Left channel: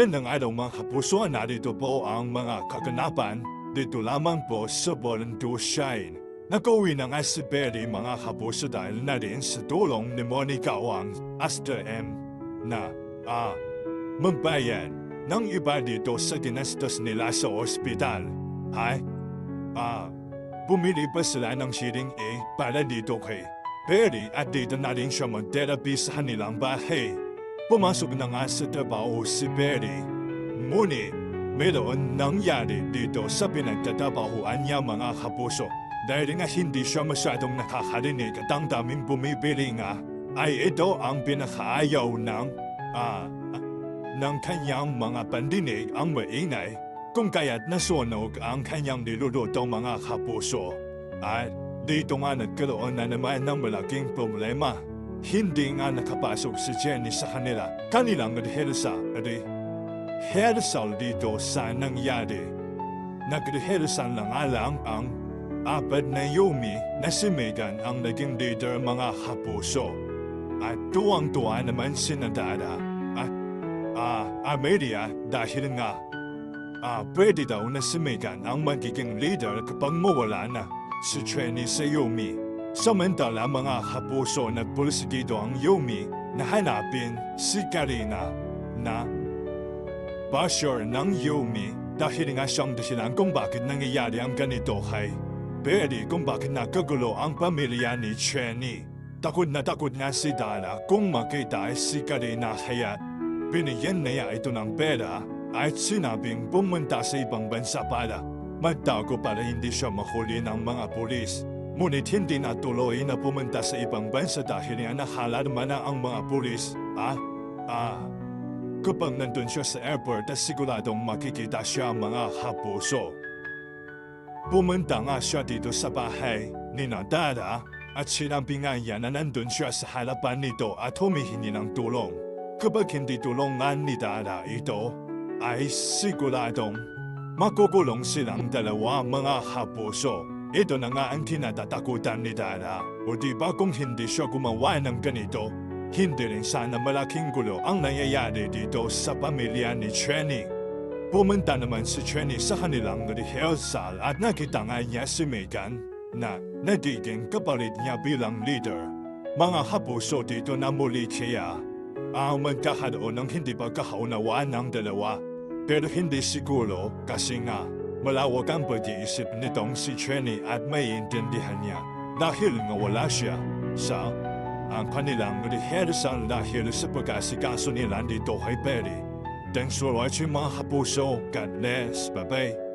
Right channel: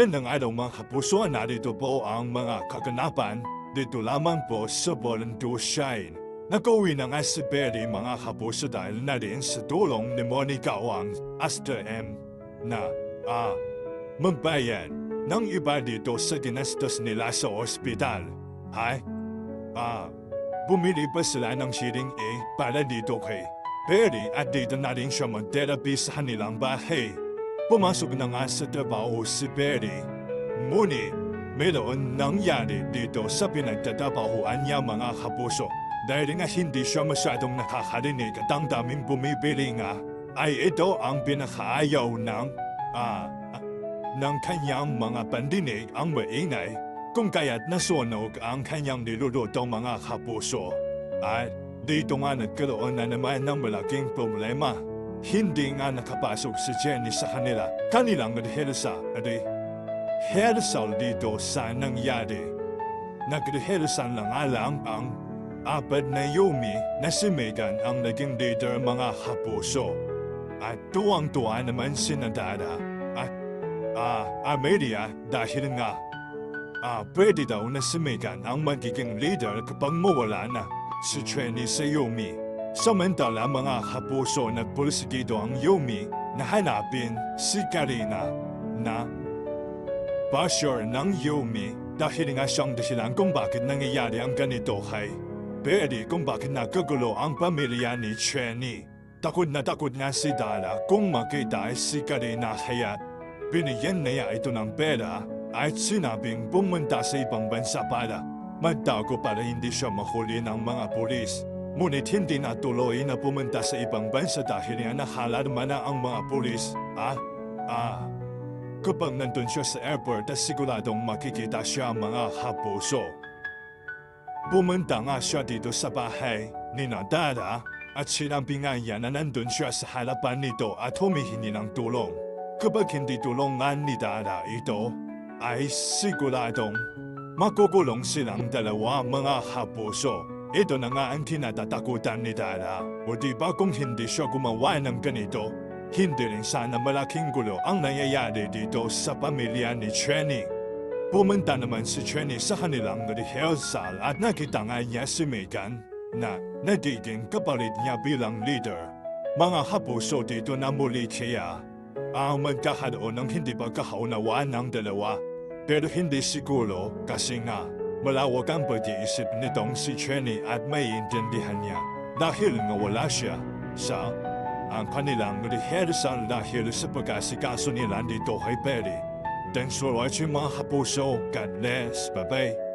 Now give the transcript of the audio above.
Magandang araw mga kapuso, narito po ang mga kaganapan dito lamang po sa Volunteer Shine. Nakauwi na nga si Betty mga kapuso dahil na rin sa tulong ni Monica Wang Asta M. na magbayan ng iba dito sa ginastos nila sa ospital. Bumili pa sila ng sharing A para dito kay Betty at dito na rin siya mag-therapy sa kanilang bahay. Pumasok na nga sa trabaho si Betty. Ngunit, mayroon nangyari dito sa pinagtatabahuan niya mga kapuso. Dahil nga hindi siya masyadong nakakarinig at ang daming bumibili nga, ay ito ang pinakaayaw ng kanyang mga pandinig ang maingay, kung kaya't nasunog ang kanyang niluluto mga kapuso. At dito nga nagkaroon na naman ng malaking problema. Hindi nga nakapasok si Jenny sa kanilang rehearsal dito sa nangyari. Nag-rehearsal na nga lang ang apat na Yumi na si Megan ang naging leader mga kapuso. At tuwang-tuwa naman si Nadara at Amelia dahil nga pwede daw na si Megan ang magiging leader kapag mawala na si Jenny sa Yumi. Samantala mga kapuso, nagpulsigido ang Yumi na hanapin si Karina na basher ng Yumi dahil nga siyang dahilan kung bakit nangyayari ang ganito kay Betty, kung bakit nagkagulo ang pamilya ni Jenny. Takot nga si Dara kung makita si Karina kaya binigyan niya ito ng pera at sinabing pumunta sa ibang bansa para magtago para hindi siya mahuli ng mga pulis. Ngunit hindi natuloy na pumunta sa ibang bansa dahil nga nakalarma na ang mga pulis. Kapag nandun siya sa airport at siguradong makikita siya mga kapuso. Pumunta nga siya dito sa bahay ni Nadara at sinabi nga niya na nandun siya sa harapan nito at humihingi ng tulong. Kapag hindi tulungan ni Dara ito, ay siguradong makukulong silang dalawa mga kapuso. Ito na nga ang kinatatakutan ni Dara. O diba kung hindi siya gumawa ng ganito, hindi rin sana malaking gulo ang nangyayari dito sa pamilya ni Jenny. Pumunta naman si Jenny sa kanilang rehearsal at nakita nga niya si Megan na nagiging kapalit niya bilang leader. Mga kapuso, dito na muli kaya magkakaroon ng hindi pagkakaunawaan ng dalawa. Pero hindi siguro kasi nga malawak ang pag-iisip nitong si Jenny at maiintindihan niya dahil nga wala siya sa ang kanilang rehearsal dahil sa pag-asikaso nila dito kay Betty. Thanks for watching mga kapuso. God bless. Bye-bye.